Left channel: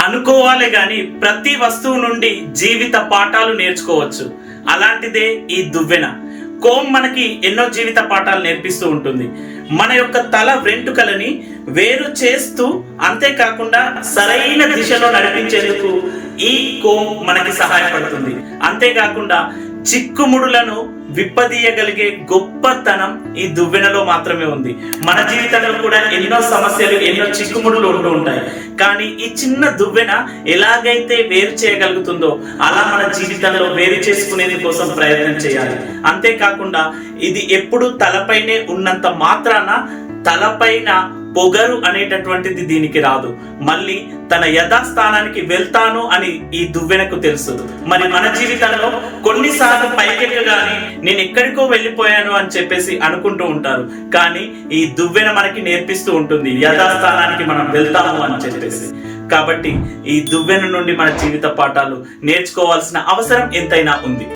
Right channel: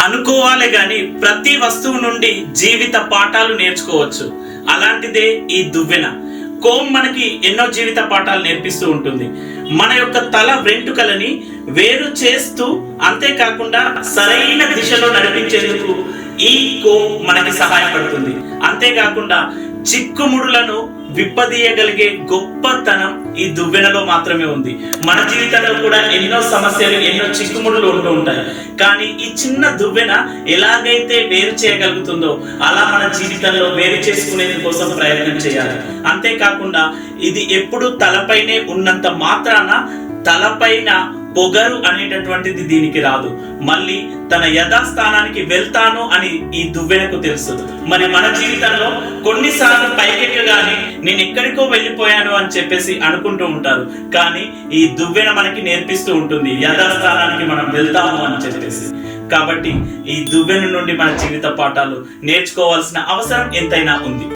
అనుకోవాలి గాని ప్రతి వస్తువు నుండి జీవిత పాఠాలు నేర్చుకోవచ్చు. అలాంటిదే ఈ దువ్వెన. కోమ్ మనకి ఎన్నో జీవిత పాఠాలు నేర్పిస్తూ ఉంటుంది. మన యొక్క తల వెంట్రుకలని వేరు చేస్తూ, అంతేకాకుండా సరైన దిశలో నడిపించేందుకు ఈ కోమ్ మనకి సహాయపడుతుంది. అంతేకాకుండా చిక్కుముడులను విప్పదీయగలిగే గొప్పతనం ఈ దువ్వెనలో మాత్రమే ఉంది. మన జీవితంలో కూడా ఎన్నో సమస్యలు, ఎన్నో చిక్కుముడులు ఉంటూ ఉంటాయి. కానీ ఈ చిన్న దువ్వెన ఎలాగైతే వేరు చేయగలుగుతుందో అలా మన జీవితంలో వేరు చేసుకునేందు కోసం ప్రయత్నం చేయాలి. అంతేకాకుండా ఇది ఎప్పుడు తలపైనే ఉన్నంత మాత్రాన తలపైన పొగరు అనేటటువంటిది దీనికి రాదు. మళ్ళీ తన యథాస్థానానికి వెళ్తాను అని ఈ దువ్వెనకు తెలుసు. మరి మన జీవితంలో కొన్నిసార్లు పైకెక్కగానే నేను ఎక్కడికో వెళ్ళిపోయాను అని చెప్పేసి అనుకుంటూ ఉంటారు. కానీ ఈ దువ్వెన మనకి నేర్పిస్తూ ఉంటుంది యథాస్థానానికి మనం వెళ్తాము అని చెప్పేసి. కాబట్టి ఈ దువ్వెన నుండి మన జీవిత పాఠాలు నేర్చుకోవాల్సిన అవసరం ఎంతైనా ఉంది.